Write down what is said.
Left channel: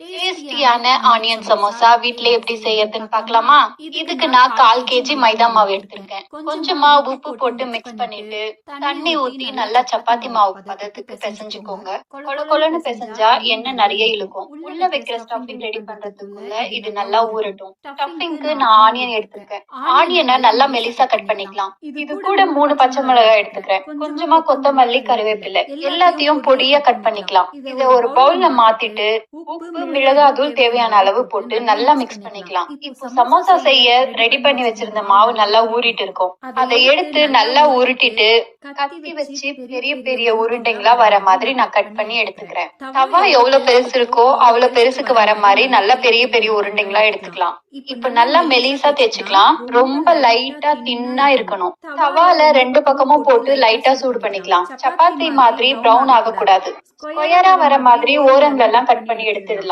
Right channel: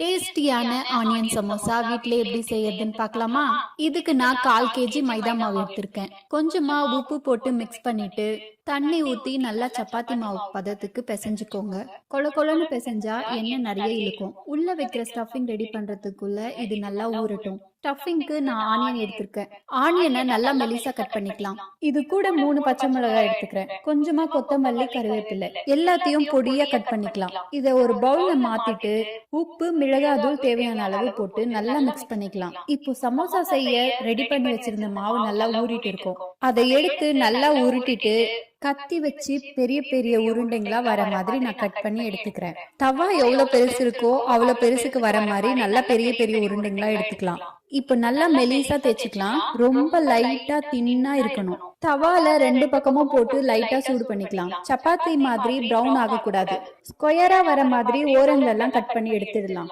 டேஸ்டியான ஆனியன் சமோசா வீட்ல எப்படி செய்யறதுன்னு பார்க்கலாமா? இதுக்கு நான் 1/4 கேஜி மைதா மாவு எடுத்திருக்கேன். கொஞ்சமா உப்பு போட்டு மிக்ஸ் பண்ணிட்டு தண்ணி ஊத்தி நல்லா சப்பாத்தி மாவு பதத்துக்கு பிசைஞ்சுக்கோங்க. கொழ கொழன்னு பிசைஞ்சா எண்ணெய் நிறைய இழுக்கும். உள்ள வைக்கிற ஸ்டஃபிங் ரெடி பண்றதுக்குள்ள இது நல்லா ஊறட்டும். ஸ்டஃபிங்க்கு நான் ஆனியன் எடுத்திருக்கேன். ஆனியனை நல்லா மெலிசா கட் பண்ணிக்கலாம். இது கூட 3 பச்சை மிளகாய் எடுத்துக்கிறேன். கொஞ்சமா கொத்தமல்லி, கருவேப்பிலை எல்லாத்தையும் பொடியா கட் பண்ணிக்கலாம். இதை ஒரு பவுல்ல மாத்திட்டு உப்பு மிளகாத்தூள் தேவையான அளவு போட்டு நல்லா மிக்ஸ் பண்ணிக்கலாம். இப்போ சமோசா செய்ய ரெடி பண்ணி வச்சிருந்த மாவு நல்லா ஊறிட்டு இருக்கும். அதை எடுத்து நல்லா உருட்டிட்டு கத்தி வச்சு பெரிய பெரிய உருண்டைகளா வர மாதிரி நான் கட் பண்ணி எடுத்துக்கிறேன். தவா எவ்வளவு பெருசு இருக்கோ அவ்வளவு பெருசுக்கு வர மாதிரி நல்ல பெரிய பெரிய உருண்டைகளா எடுத்துக்கலாம். இப்ப நல்லா மெலிசா தேய்ச்சுக்கலாம். ரொம்ப லைட்டா தின்னா இருக்கணும். தவால 2 பக்கமும் போட்டு லைட்டா சூடு பண்ணிக்கலாம். சப்பாத்தி மாதிரி பிரவுன் ஆக கூடாது. ஸ்கொயரா வர மாதிரி ஓரங்கள் எல்லாம் கட் பண்ணி எடுத்துடலாம்.